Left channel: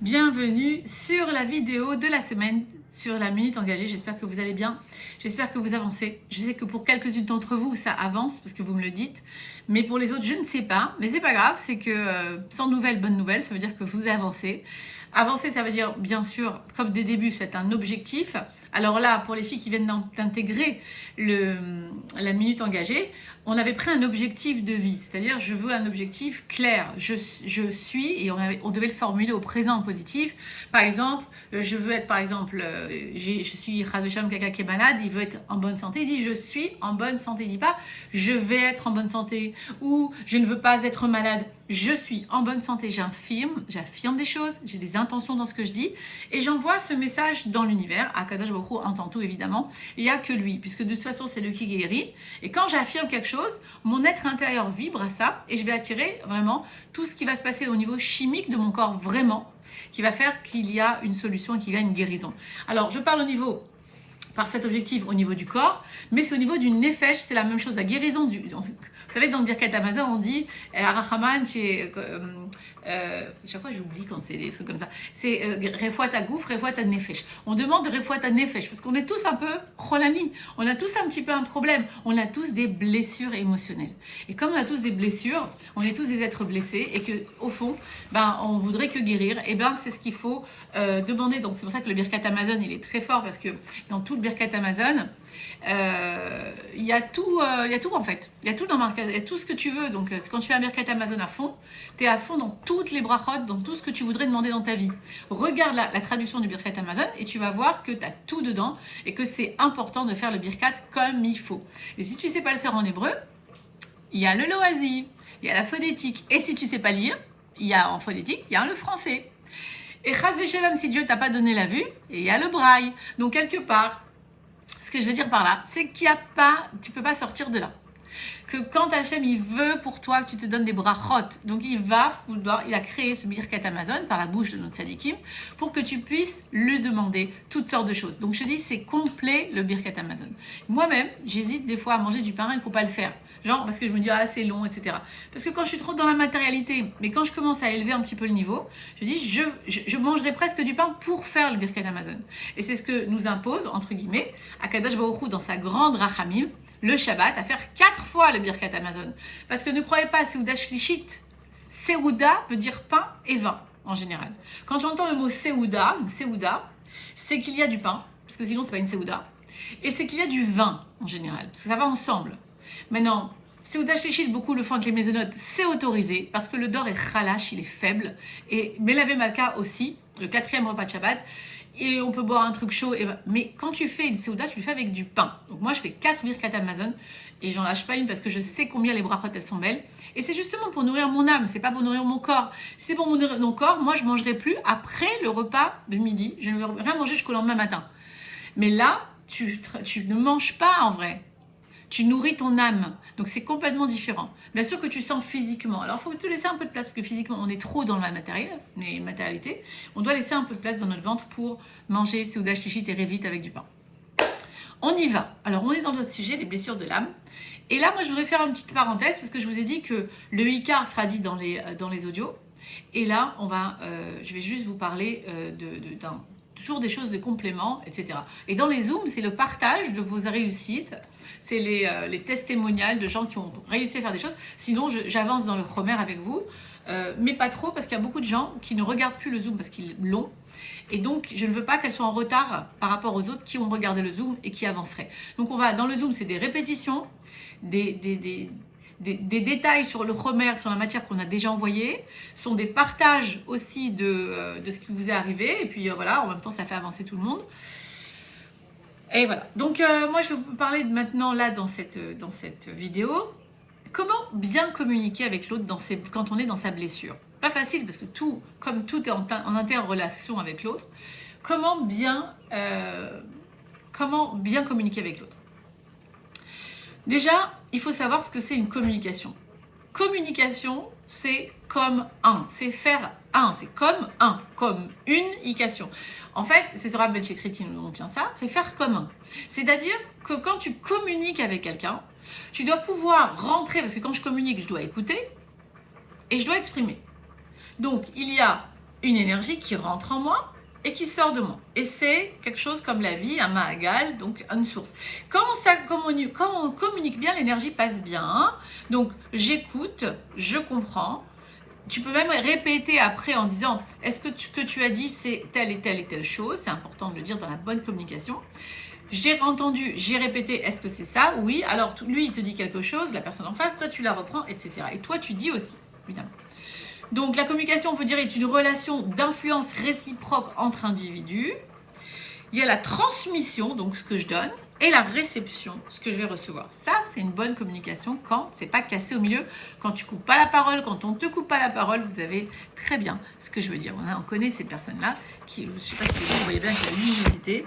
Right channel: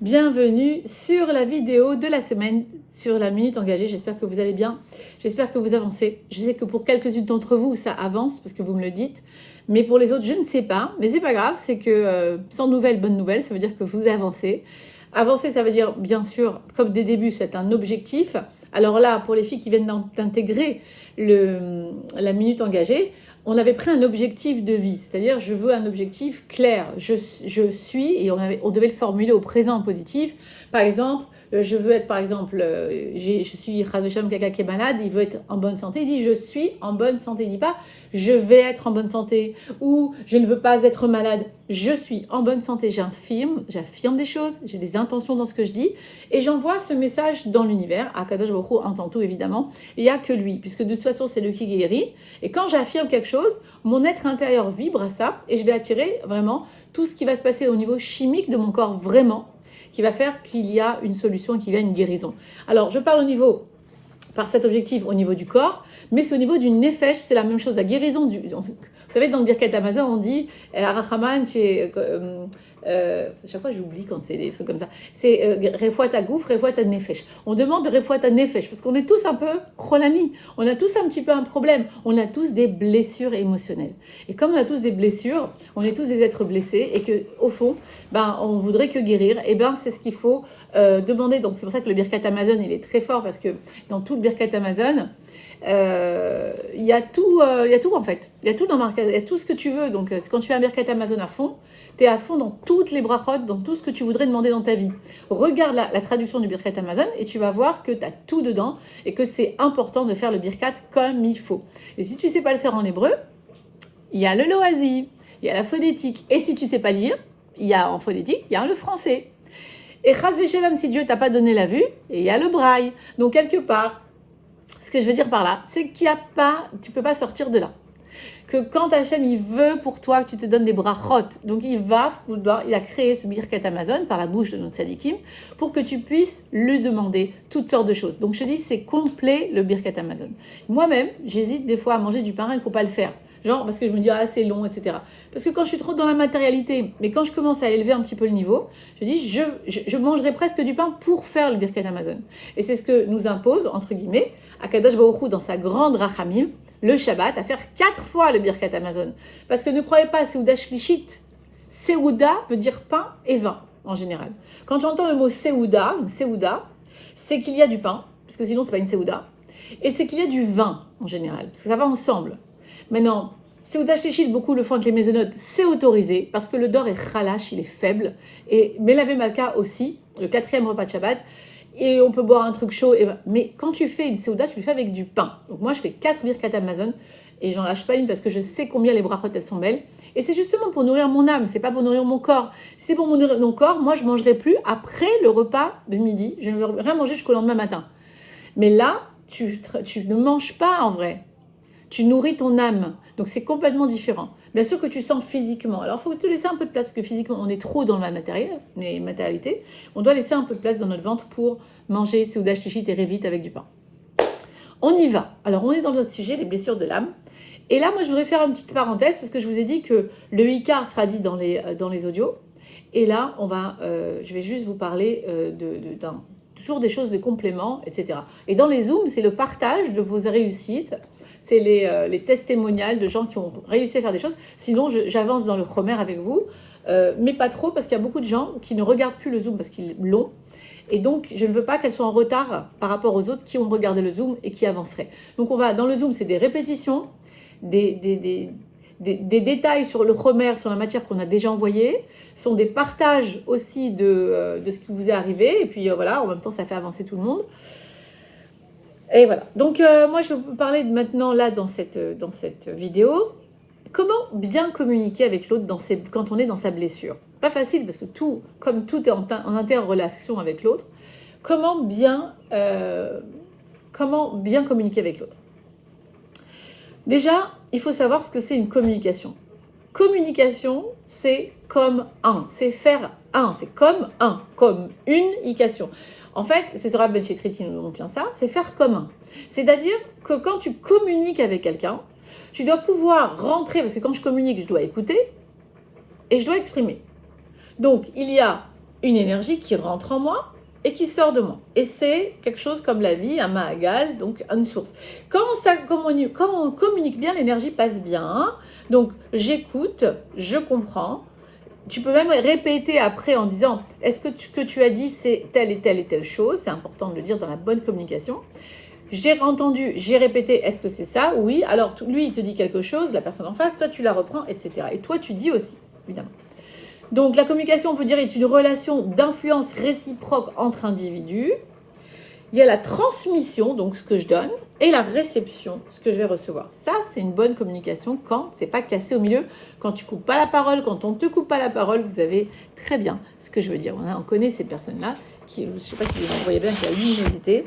Bienvenue sur la vidéo de la semaine sur la minute engagée. J'espère que vous allez bien, j'espère que vous avancez. Je sais que pour quelques-unes d'entre vous, ça avance parce que vous me le dites. Mais pour les autres, je ne sais pas. Mais c'est pas grave, c'est que sans nouvelles, bonne nouvelle, ça veut dire que vous avancez. Avancer, ça veut dire, bien sûr, comme des débuts, c'est un objectif. Alors là, pour les filles qui viennent d'intégrer la minute engagée, on avait pris un objectif de vie, c'est-à-dire je veux un objectif clair, je suis, et on devait le formuler au présent positif. Par exemple, je veux être, je suis Razvesham Kaka qui est malade, il veut être en bonne santé, il dit je suis en bonne santé, il dit pas je vais être en bonne santé ou je ne veux pas être malade, je suis en bonne santé, j'affirme des choses, j'ai des intentions dans ce que je dis et j'envoie ce message dans l'univers. Akadosh Baruch Hu entend tout évidemment, il n'y a que lui, puisque de toute façon c'est lui qui guérit et quand j'affirme quelque chose, mon être intérieur vibre à ça et je vais attirer vraiment tout ce qui va se passer au niveau chimique de mon corps vraiment, qui va faire qu'il y a une solution et qu'il y a une guérison. Alors je parle par cet objectif au niveau du corps, mais c'est au niveau du nefesh, c'est la même chose, la guérison vous savez, dans le Birkat Hamazon, on dit Arachaman, chaque fois j'oublie quand c'est des trucs comme ça. C'est Refuat Hagouf, Refuat Nefesh. On demande Refuat Nefesh parce qu'on est tous un peu cholami. On a tous un petit peu un problème. On a tous des blessures émotionnelles. Et comme on a tous des blessures, on est tous des êtres blessés et que au fond, on voudrait que guérir. Et c'est ce qu'il faut demander. Donc c'est pour ça que le Birkat Hamazon, il est très fort parce que dans tout le Birkat Hamazon, il y a tout en fait, il y a tout il y a tout ce que tu veux. Donc quand tu fais un Birkat Hamazon à fond, tu es à fond dans toutes les brachot, dans tout ce que tu voudrais demander dans ta vie. Regarde la traduction du Birkat Hamazon et tu vas voir que tu as tout dedans et que c'est important de faire le Birkat comme il faut. Et si tu ne sais pas le faire en hébreu, il y a le loasi, il y a la phonétique. Et si tu ne sais pas lire, il y a en phonétique, il y a le français. Et Chas Veshalom, si Dieu t'a pas donné la vue, et il y a le braille. Donc quelque part, ce que je veux dire par là, c'est qu'il y a pas, tu peux pas sortir de là. Que quand Hachem, il veut pour toi que tu te donnes des brachot, donc il a créé ce Birkat Hamazon par la bouche de notre sadikim pour que tu puisses lui demander toutes sortes de choses. Donc je te dis, c'est complet le Birkat Hamazon. Moi-même, j'hésite des fois à manger du pain et il ne faut pas le faire. Genre, parce que je me dis, c'est long, etc. Parce que quand je suis trop dans la matérialité, mais quand je commence à élever un petit peu le niveau, je dis, je mangerai presque du pain pour faire le Birkat Hamazon. Et c'est ce que nous impose, entre guillemets, Akadosh Baruch Hu dans sa grande Rachamim, le Shabbat, à faire 4 fois le Birkat Hamazon. Parce que ne croyez pas, Seuda Shlishit, Seuda veut dire pain et vin, en général. Quand j'entends le mot Seuda, une Seuda, c'est qu'il y a du pain, parce que sinon c'est pas une Seuda, et c'est qu'il y a du vin, en général, parce que ça va ensemble. Maintenant, Seuda Shlishit, beaucoup le font avec les mésonotes, c'est autorisé, parce que le dor est chalash, il est faible, et Melave Malka aussi, le 4e repas de Shabbat, et on peut boire un truc chaud, mais quand tu fais une Seuda, tu le fais avec du pain. Donc moi, je fais 4 Birkat Hamazon, et j'en lâche pas une parce que je sais combien les brachot, elles sont belles. Et c'est justement pour nourrir mon âme, c'est pas pour nourrir mon corps. Si c'est pour nourrir mon corps, moi, je mangerai plus après le repas de midi. Je ne vais rien manger jusqu'au lendemain matin. Mais là, tu ne manges pas en vrai. Tu nourris ton âme. Donc, c'est complètement différent. Bien sûr que tu sens physiquement. Alors, il faut te laisser un peu de place, parce que physiquement, on est trop dans la matérialité. On doit laisser un peu de place dans notre ventre pour manger Seuda Shlishit et Révit avec du pain. On y va. Alors, on est dans notre sujet, les blessures de l'âme. Et là, moi, je voudrais faire une petite parenthèse, parce que je vous ai dit que le Icar sera dit dans les audios. Et là, je vais juste vous parler toujours des choses de complément, etc. Et dans les Zooms, c'est le partage de vos réussites. C'est les testimonials de gens qui ont réussi à faire des choses. Sinon, j'avance dans le Chomer avec vous, mais pas trop, parce qu'il y a beaucoup de gens qui ne regardent plus le Zoom parce qu'ils l'ont. Et donc, je ne veux pas qu'elles soient en retard par rapport aux autres qui ont regardé le Zoom et qui avanceraient. Donc, dans le Zoom, c'est des répétitions, des détails sur le Chomer, sur la matière qu'on a déjà envoyée, sont des partages aussi de ce qui vous est arrivé. Et puis voilà, en même temps, ça fait avancer tout le monde. Et voilà. Donc, moi, je vais vous parler maintenant, là, dans cette vidéo, comment bien communiquer avec l'autre quand on est dans sa blessure. Pas facile, parce que comme tout est en interrelation avec l'autre, comment bien communiquer avec l'autre. Déjà, il faut savoir ce que c'est une communication. Communication, c'est comme un, c'est faire un, c'est comme une ication. En fait, c'est Rav Ben Shetrit qui nous tient ça, c'est faire comme un. C'est-à-dire que quand tu communiques avec quelqu'un, tu dois pouvoir rentrer, parce que quand je communique, je dois écouter et je dois exprimer. Donc, il y a une énergie qui rentre en moi et qui sort de moi. Et c'est quelque chose comme la vie, un Mahagal, donc une source. Quand on communique bien, l'énergie passe bien. Hein. Donc j'écoute, je comprends. Tu peux même répéter après en disant, est-ce que ce que tu as dit, c'est telle et telle et telle chose. C'est important de le dire dans la bonne communication. J'ai entendu, j'ai répété, est-ce que c'est ça? Oui. Alors lui, il te dit quelque chose, la personne en face, toi, tu la reprends, etc. Et toi, tu dis aussi, évidemment. Donc la communication, on peut dire, est une relation d'influence réciproque entre individus. Il y a la transmission, donc ce que je donne, et la réception, ce que je vais recevoir. Ça, c'est une bonne communication quand c'est pas cassé au milieu, quand tu coupes pas la parole, quand on te coupe pas la parole, vous avez très bien ce que je veux dire. On connaît ces personnes-là, qui, je ne sais pas si vous voyez bien, qui a la luminosité,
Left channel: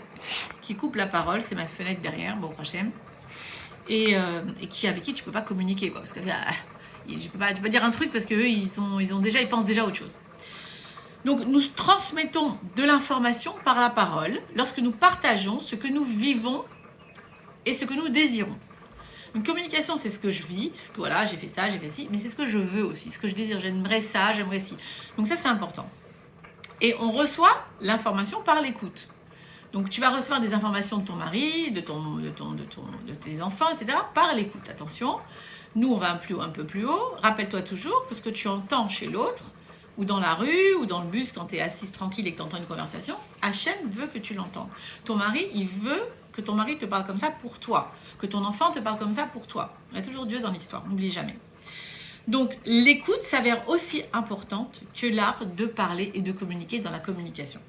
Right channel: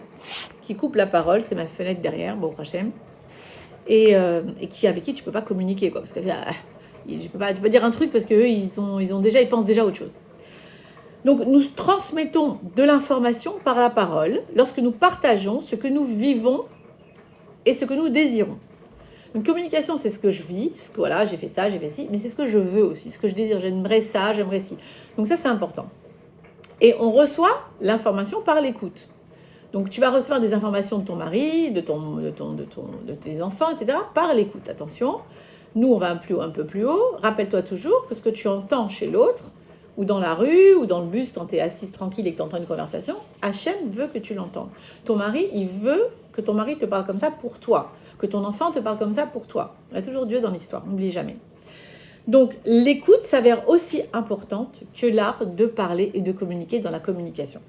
qui coupe la parole, c'est ma fenêtre derrière, bon, Hachem, et avec qui tu peux pas communiquer, quoi, parce que je peux pas dire un truc parce qu'eux, ils pensent déjà à autre chose. Donc, nous transmettons de l'information par la parole lorsque nous partageons ce que nous vivons et ce que nous désirons. Une communication, c'est ce que je vis, voilà, j'ai fait ça, j'ai fait ci, mais c'est ce que je veux aussi, ce que je désire, j'aimerais ça, j'aimerais ci. Donc ça, c'est important. Et on reçoit l'information par l'écoute. Donc, tu vas recevoir des informations de ton mari, de tes enfants, etc., par l'écoute. Attention, nous, on va un peu plus haut. Rappelle-toi toujours que ce que tu entends chez l'autre, ou dans la rue, ou dans le bus, quand tu es assise tranquille et que tu entends une conversation, Hachem veut que tu l'entendes. Ton mari, il veut que ton mari te parle comme ça pour toi, que ton enfant te parle comme ça pour toi. Il y a toujours Dieu dans l'histoire, n'oublie jamais. Donc, l'écoute s'avère aussi importante que l'art de parler et de communiquer dans la communication.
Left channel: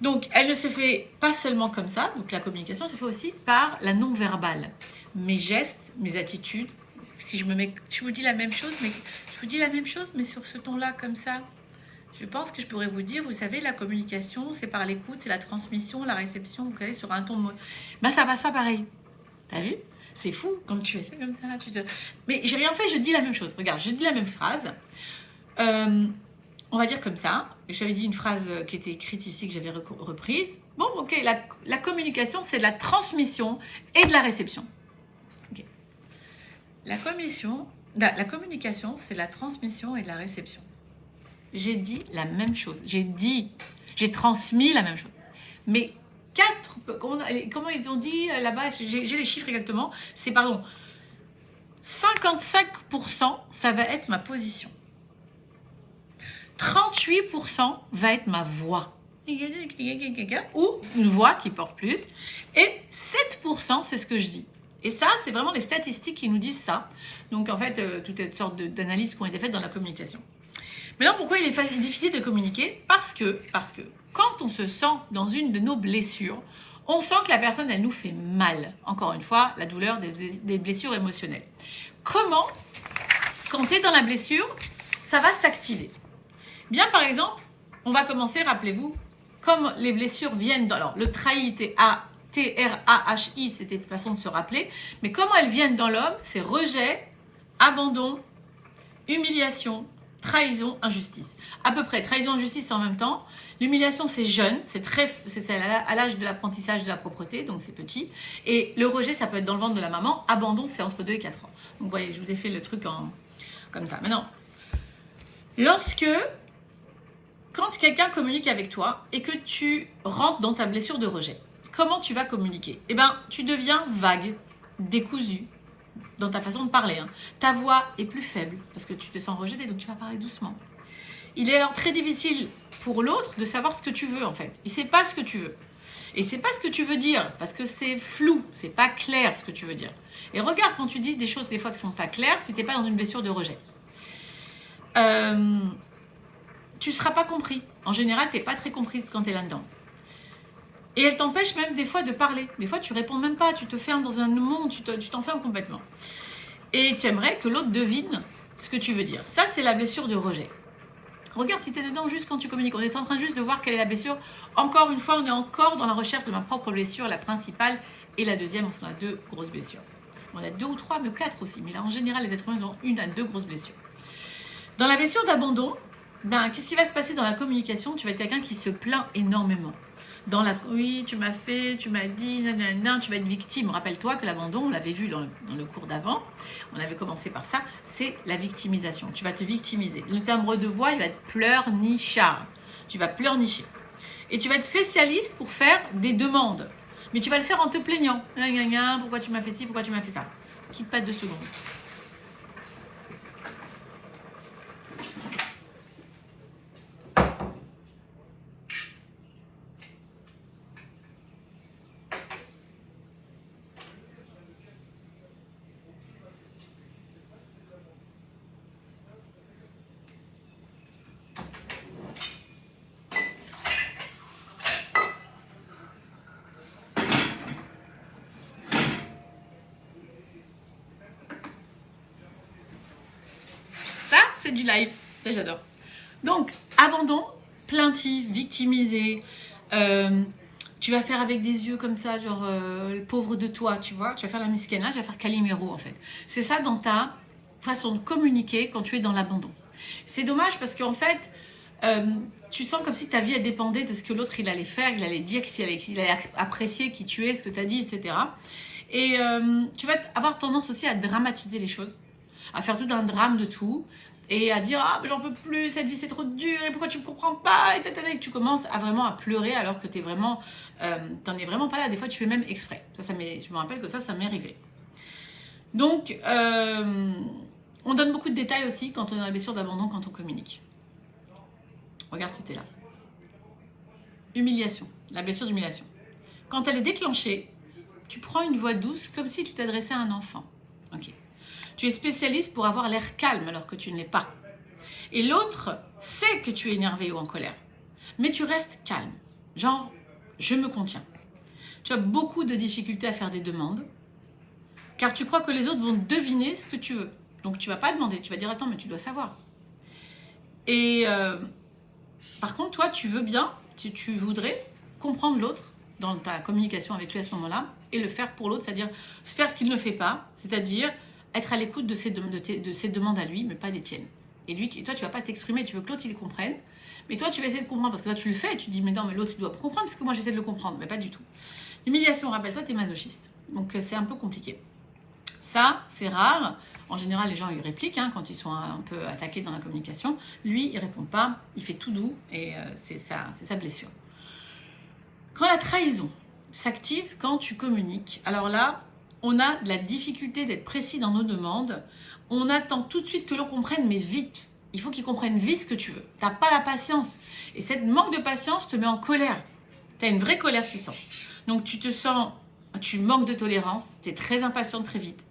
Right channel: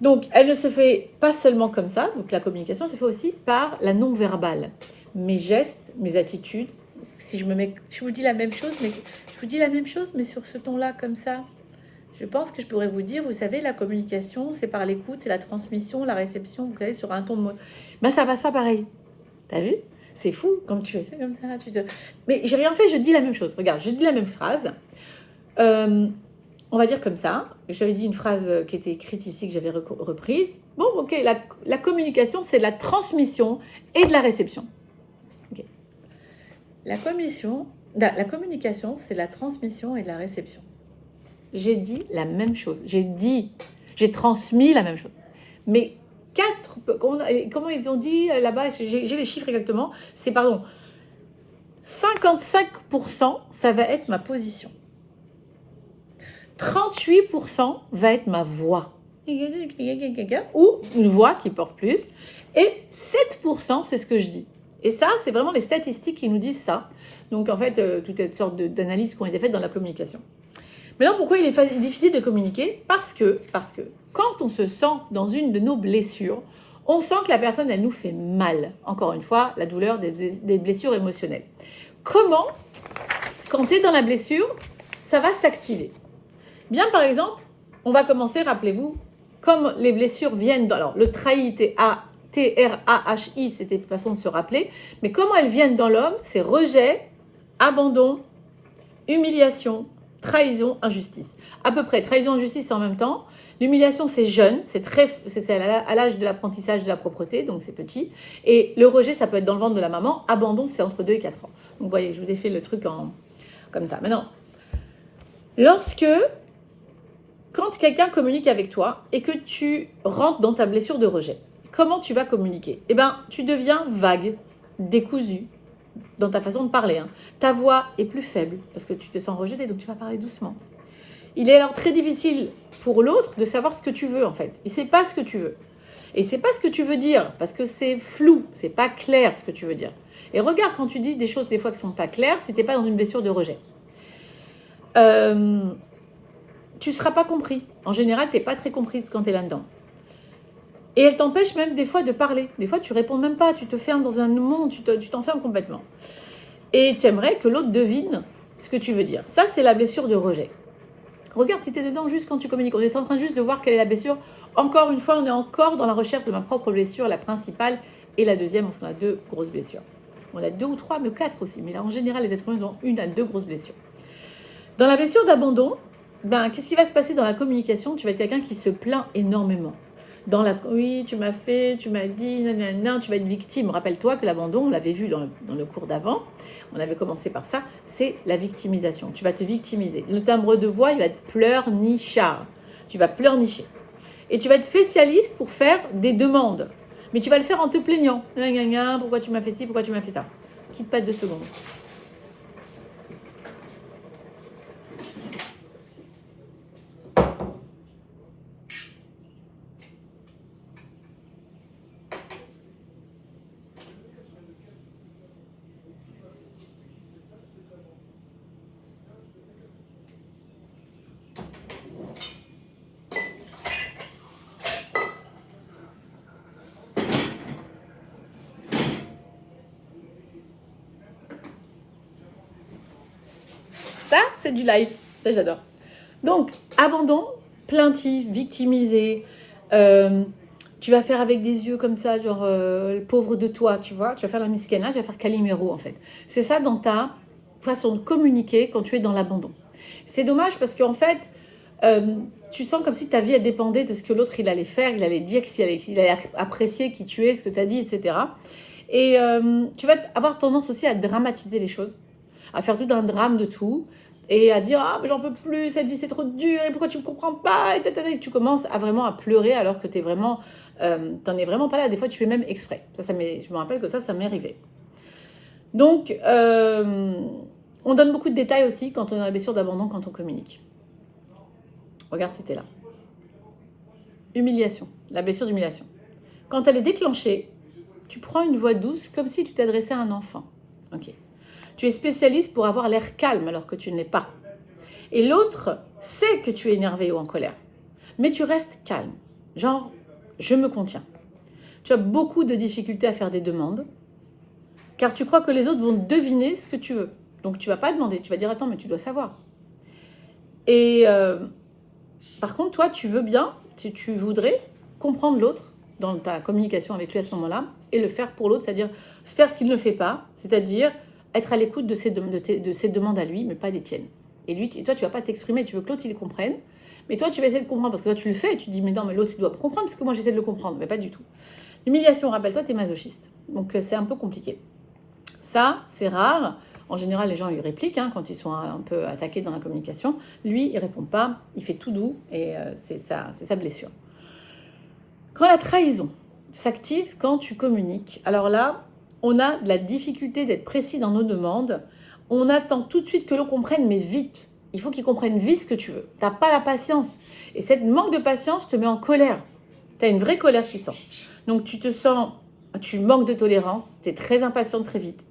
Donc, elle ne se fait pas seulement comme ça. Donc, la communication se fait aussi par la non-verbale. Mes gestes, mes attitudes. Si je vous dis la même chose, mais sur ce ton-là, comme ça, je pense que je pourrais vous dire, vous savez, la communication, c'est par l'écoute, c'est la transmission, la réception, vous savez, sur un ton de mot. Ben, ça passe pas pareil. T'as vu? C'est fou, quand tu fais ça comme ça. Mais j'ai rien fait, je dis la même chose. Regarde, je dis la même phrase. On va dire comme ça. J'avais dit une phrase qui était écrite ici, que j'avais reprise. Bon, ok, la communication, c'est de la transmission et de la réception. Okay. La communication, c'est de la transmission et de la réception. J'ai dit la même chose. J'ai transmis la même chose. Mais comment ils ont dit là-bas, j'ai les chiffres exactement, 55%, ça va être ma position. 38% va être ma voix. Ou une voix qui porte plus. Et 7%, c'est ce que je dis. Et ça, c'est vraiment les statistiques qui nous disent ça. Donc, en fait, toutes les sortes d'analyses qui ont été faites dans la communication. Maintenant, pourquoi il est difficile de communiquer? Parce que quand on se sent dans une de nos blessures, on sent que la personne, elle nous fait mal. Encore une fois, la douleur des blessures émotionnelles. Comment, quand tu es dans la blessure, ça va s'activer? Bien, par exemple, on va commencer, rappelez-vous, comme les blessures viennent dans... Alors, le trahi, T-R-A-H-I, c'était une façon de se rappeler. Mais comment elles viennent dans l'homme? C'est rejet, abandon, humiliation, trahison, injustice. À peu près, trahison, injustice, c'est en même temps. L'humiliation, c'est jeune, c'est à l'âge de l'apprentissage de la propreté, donc c'est petit. Et le rejet, ça peut être dans le ventre de la maman. Abandon, c'est entre 2 et 4 ans. Donc, vous voyez, je vous ai fait le truc comme ça. Maintenant, quand quelqu'un communique avec toi et que tu rentres dans ta blessure de rejet, comment tu vas communiquer? Eh bien, tu deviens vague, décousu dans ta façon de parler. Hein. Ta voix est plus faible parce que tu te sens rejeté, donc tu vas parler doucement. Il est alors très difficile pour l'autre de savoir ce que tu veux en fait. Il ne sait pas ce que tu veux. Et c'est pas ce que tu veux dire parce que c'est flou, c'est pas clair ce que tu veux dire. Et regarde quand tu dis des choses des fois qui sont pas claires, si t'es pas dans une blessure de rejet. Tu ne seras pas compris. En général, tu n'es pas très comprise quand tu es là-dedans. Et elle t'empêche même des fois de parler. Des fois, tu ne réponds même pas, tu te fermes dans un monde, tu t'enfermes complètement. Et tu aimerais que l'autre devine ce que tu veux dire. Ça, c'est la blessure de rejet. Regarde si tu es dedans juste quand tu communiques. On est en train juste de voir quelle est la blessure. Encore une fois, on est encore dans la recherche de ma propre blessure, la principale et la deuxième, parce qu'on a 2 grosses blessures. On a 2 ou 3, mais 4 aussi. Mais là, en général, les êtres humains ont 1 à 2 grosses blessures. Dans la blessure d'abandon, qu'est-ce qui va se passer dans la communication? Tu vas être quelqu'un qui se plaint énormément. Oui, tu m'as fait, tu m'as dit, nanana, tu vas être victime. Rappelle-toi que l'abandon, on l'avait vu dans le cours d'avant, on avait commencé par ça, c'est la victimisation. Tu vas te victimiser. Le timbre de voix, il va être pleurnichard. Tu vas pleurnicher. Et tu vas être spécialiste pour faire des demandes. Mais tu vas le faire en te plaignant. Pourquoi tu m'as fait ci, pourquoi tu m'as fait ça. Quitte pas 2 secondes. Ça, c'est du live. Ça, j'adore. Donc, abandon, plaintif, victimisé. Tu vas faire avec des yeux comme ça, genre le pauvre de toi, tu vois. Tu vas faire la miskena, tu vas faire Calimero, en fait. C'est ça dans ta façon de communiquer quand tu es dans l'abandon. C'est dommage parce qu'en fait, tu sens comme si ta vie elle dépendait de ce que l'autre il allait faire, il allait dire, il allait apprécier qui tu es, ce que tu as dit, etc. Et tu vas avoir tendance aussi à dramatiser les choses, à faire tout un drame de tout, et à dire « Ah, mais j'en peux plus, cette vie c'est trop dur, et pourquoi tu ne me comprends pas ?» Et tu commences à vraiment à pleurer alors que t'en es vraiment pas là. Des fois, tu fais même exprès. Je me rappelle que ça m'est arrivé. Donc, on donne beaucoup de détails aussi quand on a la blessure d'abandon, quand on communique. Regarde, c'était là. Humiliation, la blessure d'humiliation. Quand elle est déclenchée, tu prends une voix douce comme si tu t'adressais à un enfant. Ok. Tu es spécialiste pour avoir l'air calme alors que tu ne l'es pas. Et l'autre sait que tu es énervé ou en colère. Mais tu restes calme. Genre, je me contiens. Tu as beaucoup de difficultés à faire des demandes car tu crois que les autres vont deviner ce que tu veux. Donc, tu ne vas pas demander. Tu vas dire, attends, mais tu dois savoir. Et par contre, toi, tu veux bien, si tu voudrais, comprendre l'autre dans ta communication avec lui à ce moment-là et le faire pour l'autre, c'est-à-dire faire ce qu'il ne fait pas, c'est-à-dire être à l'écoute de ses demandes à lui, mais pas des tiennes. Et toi, tu ne vas pas t'exprimer, tu veux que l'autre, il les comprenne, mais toi, tu vas essayer de comprendre, parce que toi, tu le fais, et tu te dis, mais non, mais l'autre, il doit comprendre, parce que moi, j'essaie de le comprendre, mais pas du tout. L'humiliation, rappelle-toi, tu es masochiste, donc c'est un peu compliqué. Ça, c'est rare. En général, les gens, ils répliquent hein, quand ils sont un peu attaqués dans la communication. Lui, il ne répond pas, il fait tout doux, et c'est sa blessure. Quand la trahison s'active quand tu communiques, alors là, on a de la difficulté d'être précis dans nos demandes. On attend tout de suite que l'on comprenne, mais vite. Il faut qu'il comprenne vite ce que tu veux. Tu n'as pas la patience. Et cette manque de patience te met en colère. Tu as une vraie colère qui sort. Donc tu manques de tolérance, tu es très impatient très vite.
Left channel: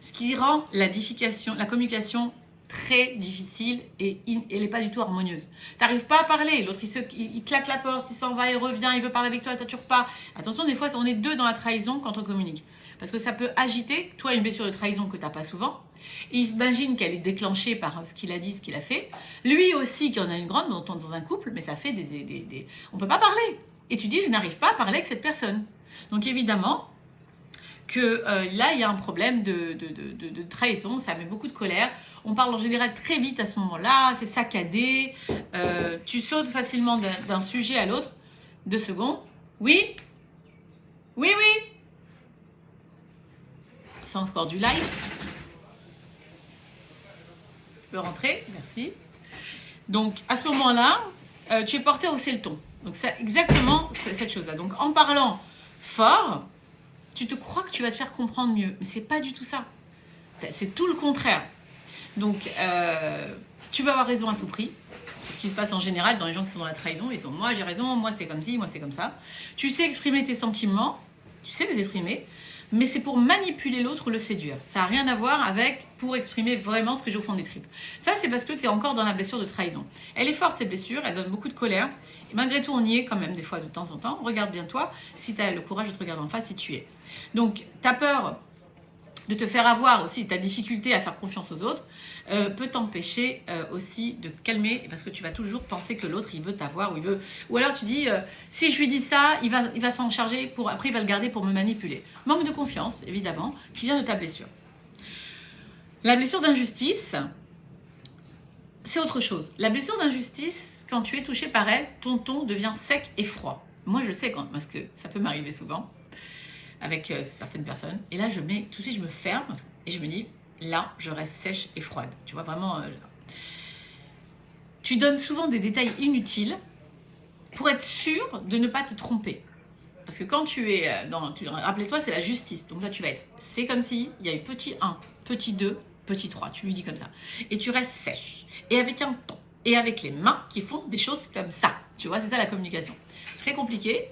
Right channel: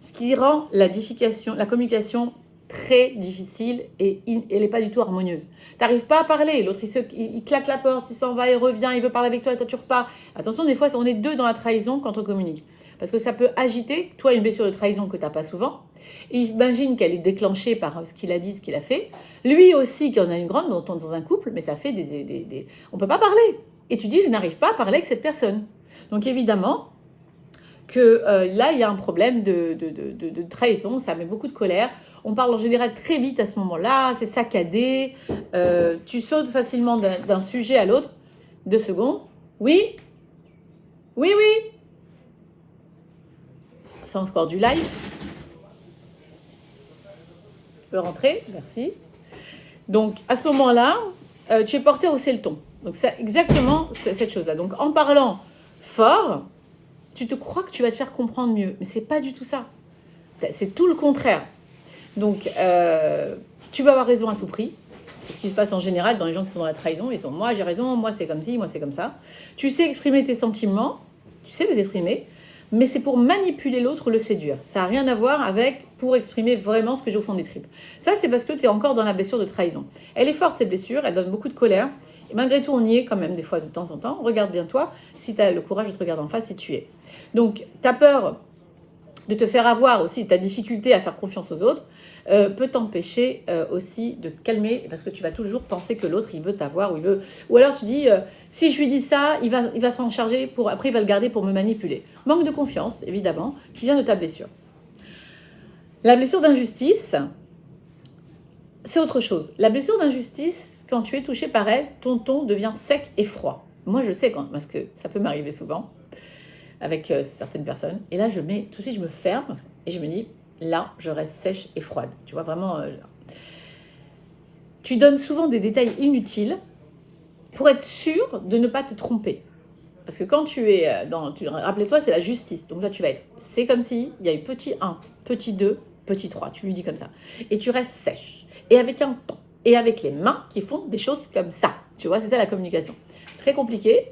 Ce qui rend la communication très difficile et elle n'est pas du tout harmonieuse. Tu n'arrives pas à parler, l'autre il claque la porte, il s'en va, il revient, il veut parler avec toi et toi tu repars. Attention, des fois on est 2 dans la trahison quand on communique. Parce que ça peut agiter, toi une blessure de trahison que tu n'as pas souvent, et imagine qu'elle est déclenchée par ce qu'il a dit, ce qu'il a fait. Lui aussi qui en a une grande dans un couple, mais ça fait on ne peut pas parler. Et tu dis je n'arrive pas à parler avec cette personne. Donc évidemment que là il y a un problème de trahison, ça met beaucoup de colère. On parle en général très vite à ce moment-là, c'est saccadé, tu sautes facilement d'un sujet à l'autre. 2 secondes. Oui. Oui, oui. C'est encore du live. Tu peux rentrer, merci. Donc, à ce moment-là, tu es porté à hausser le ton. Donc, c'est exactement cette chose-là. Donc, en parlant fort, tu te crois que tu vas te faire comprendre mieux. Mais c'est pas du tout ça. C'est tout le contraire. Donc, tu vas avoir raison à tout prix. C'est ce qui se passe en général dans les gens qui sont dans la trahison. Ils sont, moi j'ai raison, moi c'est comme ci, moi c'est comme ça. Tu sais exprimer tes sentiments, tu sais les exprimer, mais c'est pour manipuler l'autre ou le séduire. Ça n'a rien à voir avec pour exprimer vraiment ce que j'ai au fond des tripes. Ça, c'est parce que tu es encore dans la blessure de trahison. Elle est forte, cette blessure, elle donne beaucoup de colère. Et malgré tout, on y est quand même des fois de temps en temps. Regarde bien toi, si tu as le courage de te regarder en face, si tu y es. Donc, tu as peur de te faire avoir aussi, ta difficulté à faire confiance aux autres, peut t'empêcher aussi de te calmer, parce que tu vas toujours penser que l'autre, il veut t'avoir, ou alors tu dis, si je lui dis ça, il va s'en charger, après il va le garder pour me manipuler. Manque de confiance, évidemment, qui vient de ta blessure. La blessure d'injustice, c'est autre chose. La blessure d'injustice, quand tu es touché par elle, ton ton devient sec et froid. Moi, je sais, parce que ça peut m'arriver souvent, avec certaines personnes. Et là, tout de suite, je me ferme et je me dis, là, je reste sèche et froide. Tu vois, vraiment, tu donnes souvent des détails inutiles pour être sûr de ne pas te tromper. Parce que quand tu es rappelez-toi, c'est la justice. Donc là, tu vas être, c'est comme si il y a eu petit 1, petit 2, petit 3. Tu lui dis comme ça. Et tu restes sèche. Et avec un ton. Et avec les mains qui font des choses comme ça. Tu vois, c'est ça la communication. Très compliqué.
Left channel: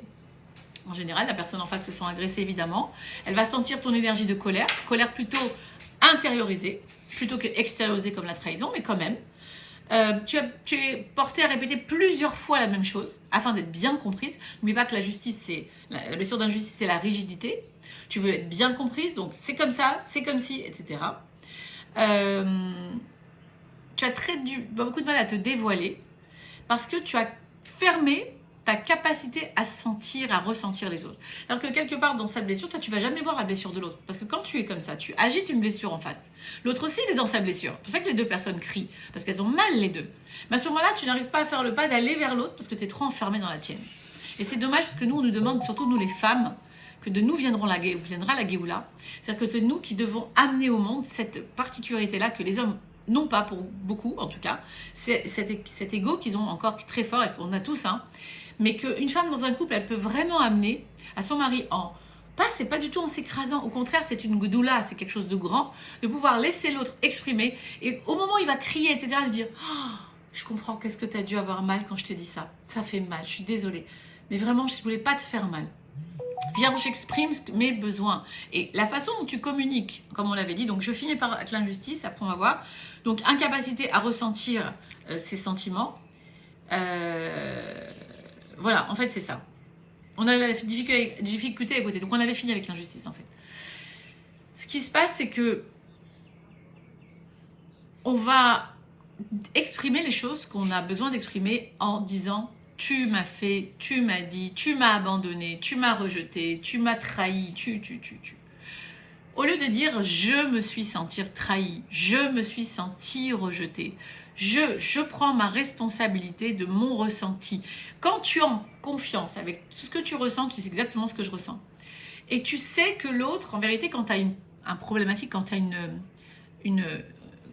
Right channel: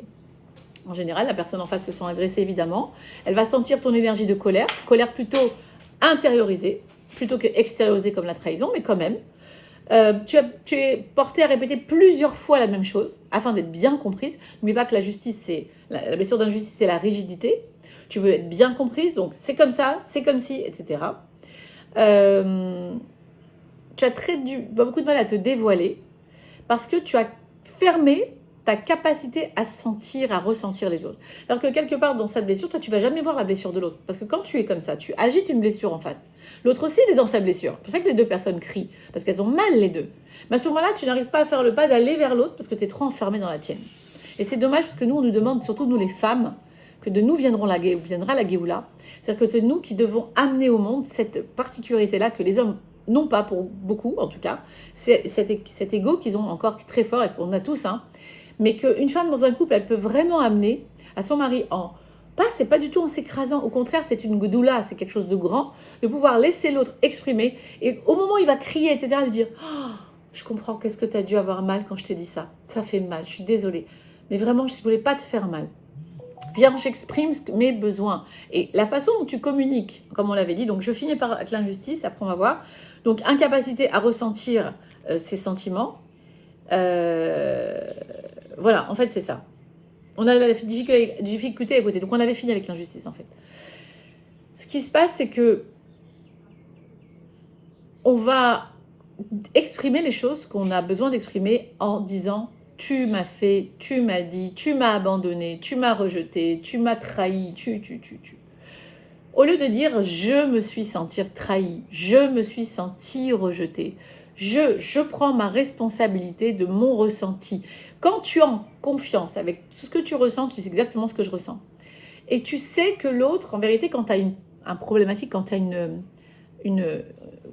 En général, la personne en face se sent agressée, évidemment. Elle va sentir ton énergie de colère. Colère plutôt intériorisée, plutôt que extériorisée comme la trahison, mais quand même. Tu es porté à répéter plusieurs fois la même chose afin d'être bien comprise. N'oublie pas que la justice, la blessure d'injustice, c'est la rigidité. Tu veux être bien comprise, donc c'est comme ça, c'est comme si, etc. Tu as beaucoup de mal à te dévoiler parce que tu as fermé ta capacité à sentir, à ressentir les autres. Alors que quelque part dans sa blessure, toi, tu vas jamais voir la blessure de l'autre. Parce que quand tu es comme ça, tu agites une blessure en face. L'autre aussi, il est dans sa blessure. C'est pour ça que les deux personnes crient, parce qu'elles ont mal les deux. Mais à ce moment-là, tu n'arrives pas à faire le pas d'aller vers l'autre parce que tu es trop enfermé dans la tienne. Et c'est dommage parce que nous, on nous demande, surtout nous les femmes, que de nous viendra la Géoula. C'est-à-dire que c'est nous qui devons amener au monde cette particularité-là que les hommes n'ont pas, pour beaucoup en tout cas. C'est cet ego qu'ils ont encore très fort et qu'on a tous, hein. Mais qu'une femme dans un couple, elle peut vraiment amener à son mari c'est pas du tout en s'écrasant, au contraire, c'est une goudoula, c'est quelque chose de grand, de pouvoir laisser l'autre exprimer, et au moment où il va crier, etc., lui dire je comprends, qu'est-ce que tu as dû avoir mal quand je t'ai dit ça, ça fait mal, je suis désolée, mais vraiment, je voulais pas te faire mal. Viens, j'exprime mes besoins. Et la façon dont tu communiques, comme on l'avait dit, donc je finis par l'injustice, après on va voir, donc incapacité à ressentir ses sentiments, voilà, en fait, c'est ça. On a la difficulté à écouter. Donc, on avait fini avec l'injustice, en fait. Ce qui se passe, c'est que on va exprimer les choses qu'on a besoin d'exprimer en disant « tu m'as fait, tu m'as dit, tu m'as abandonné, tu m'as rejeté, tu m'as trahi, tu ». Au lieu de dire « je me suis senti trahi, je me suis senti rejeté ». Je prends ma responsabilité de mon ressenti. Quand tu es en confiance avec tout ce que tu ressens, tu sais exactement ce que je ressens. Et tu sais que l'autre, en vérité, quand tu as un problématique, quand tu as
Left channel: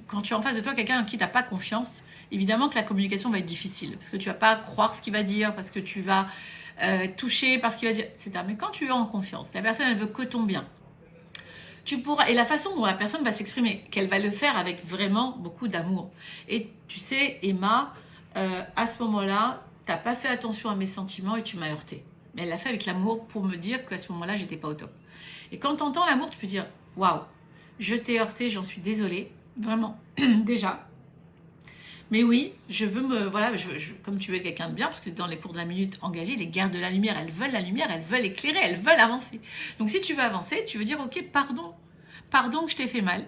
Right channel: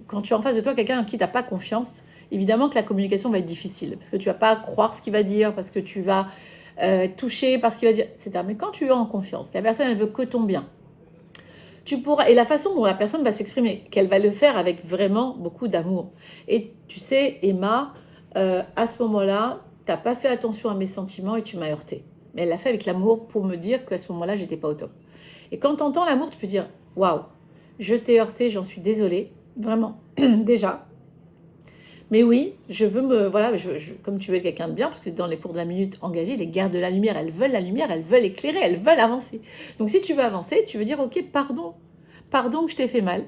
quand tu es en face de toi quelqu'un en qui tu n'as pas confiance, évidemment que la communication va être difficile. Parce que tu ne vas pas croire ce qu'il va dire, parce que tu vas toucher par ce qu'il va dire, etc. Mais quand tu es en confiance, la personne, elle veut que ton bien. Et la façon dont la personne va s'exprimer, qu'elle va le faire avec vraiment beaucoup d'amour. Et tu sais, Emma, à ce moment-là, tu n'as pas fait attention à mes sentiments et tu m'as heurté. Mais elle l'a fait avec l'amour pour me dire qu'à ce moment-là, j'étais pas au top. Et quand tu entends l'amour, tu peux dire « Waouh, je t'ai heurté, j'en suis désolée. » Vraiment, déjà. Mais oui, je veux comme tu veux quelqu'un de bien, parce que dans les cours de la minute engagée, les gardes de la lumière, elles veulent éclairer, elles veulent avancer. Donc si tu veux avancer, tu veux dire, ok, pardon que je t'ai fait mal,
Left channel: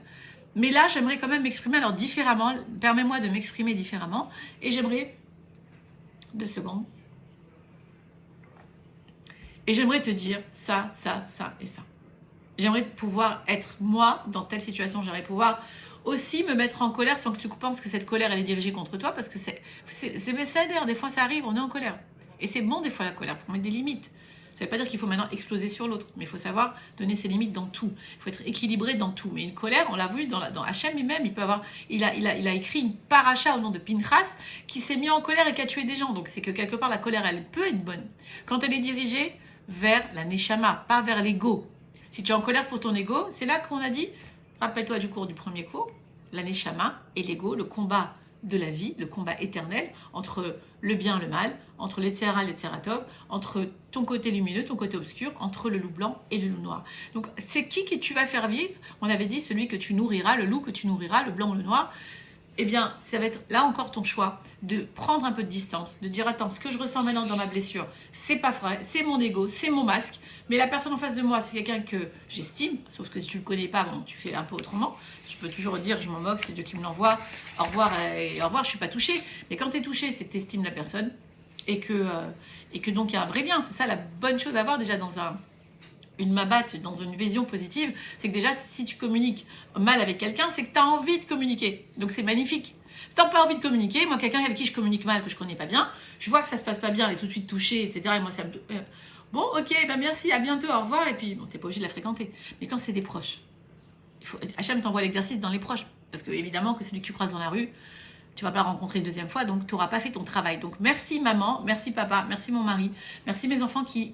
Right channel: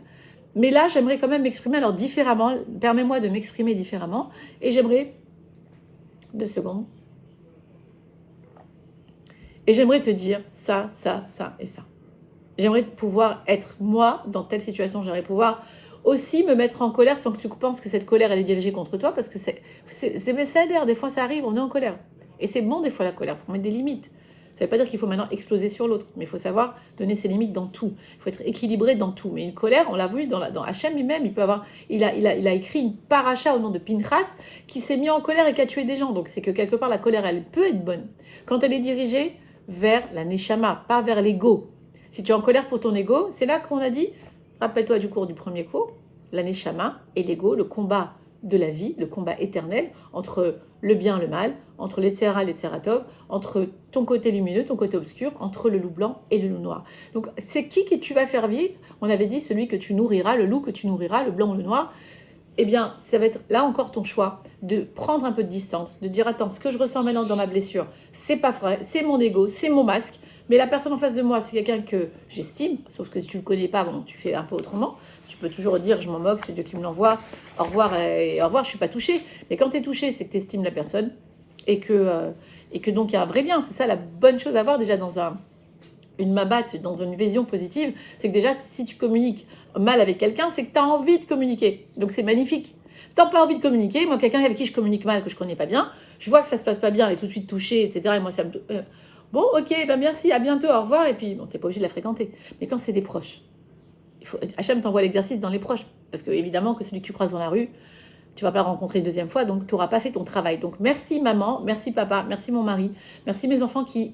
mais là, j'aimerais quand même m'exprimer alors différemment, permets-moi de m'exprimer différemment, et j'aimerais, 2 secondes, et j'aimerais te dire ça et ça. J'aimerais pouvoir être moi dans telle situation, j'aimerais pouvoir aussi me mettre en colère sans que tu penses que cette colère elle est dirigée contre toi, parce que c'est messager, des fois ça arrive, on est en colère. Et c'est bon des fois la colère, pour mettre des limites. Ça ne veut pas dire qu'il faut maintenant exploser sur l'autre, mais il faut savoir donner ses limites dans tout. Il faut être équilibré dans tout. Mais une colère, on l'a vu dans Hachem lui-même, il a écrit une paracha au nom de Pinchas qui s'est mis en colère et qui a tué des gens. Donc c'est que quelque part la colère, elle peut être bonne quand elle est dirigée vers la neshama, pas vers l'ego. Si tu es en colère pour ton ego, c'est là qu'on a dit, rappelle-toi du cours du premier cours, la neshama et l'ego, le combat de la vie, le combat éternel entre le bien et le mal, entre l'Etzera et l'Etzeratov, entre ton côté lumineux, ton côté obscur, entre le loup blanc et le loup noir. Donc c'est qui tu vas faire vivre? On avait dit celui que tu nourriras, le loup que tu nourriras, le blanc ou le noir. Eh bien, ça va être là encore ton choix de prendre un peu de distance, de dire attends, ce que je ressens maintenant dans ma blessure, c'est pas vrai, c'est mon ego, c'est mon masque, mais la personne en face de moi, c'est quelqu'un que j'estime, sauf que si tu le connais pas, bon, tu fais un peu autrement. Tu peux toujours dire je m'en moque, c'est Dieu qui me l'envoie, au revoir, je suis pas touchée. Mais quand tu es touché, c'est que tu estimes la personne et que donc il y a un vrai lien. C'est ça la bonne chose à voir déjà dans une mabat, dans une vision positive, c'est que déjà si tu communiques mal avec quelqu'un, c'est que tu as envie de communiquer. Donc c'est magnifique. Si tu n'as pas envie de communiquer, moi quelqu'un avec qui je communique mal, que je connais pas bien, je vois que ça se passe pas bien, elle est tout de suite touchée, etc. Et moi ça me... Bon, ok, ben merci, à bientôt, au revoir. Et puis, bon, t'es pas obligé de la fréquenter. Mais quand c'est des proches, Hachem t'envoie l'exercice dans les proches. Parce que évidemment que celui que tu croises dans la rue, tu vas pas le rencontrer une deuxième fois, donc tu n'auras pas fait ton travail. Donc merci maman, merci papa, merci mon mari, merci mes enfants qui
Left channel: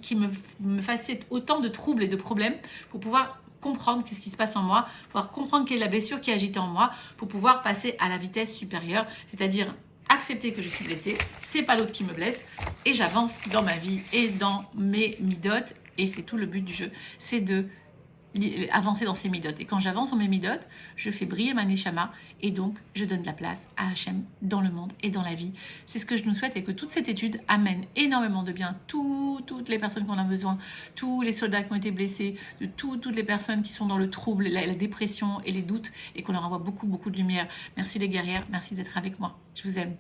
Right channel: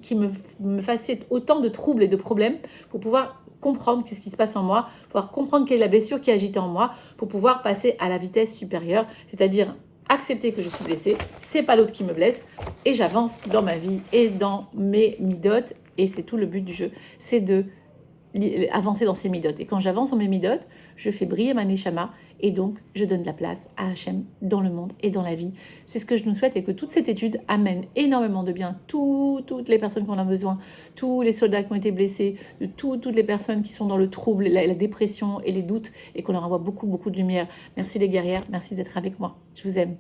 me facilitent autant de troubles et de problèmes pour pouvoir comprendre ce qui se passe en moi, pouvoir comprendre quelle est la blessure qui agite en moi, pour pouvoir passer à la vitesse supérieure, c'est-à-dire accepter que je suis blessée, c'est pas l'autre qui me blesse, et j'avance dans ma vie et dans mes midotes, et c'est tout le but du jeu, c'est de avancer dans ces midotes. Et quand j'avance dans mes midotes, je fais briller ma neshama et donc je donne de la place à Hachem dans le monde et dans la vie. C'est ce que je nous souhaite et que toute cette étude amène énormément de bien. Toutes les personnes qui en ont besoin, tous les soldats qui ont été blessés, toutes les personnes qui sont dans le trouble, la dépression et les doutes et qu'on leur envoie beaucoup de lumière. Merci les guerrières, merci d'être avec moi. Je vous aime.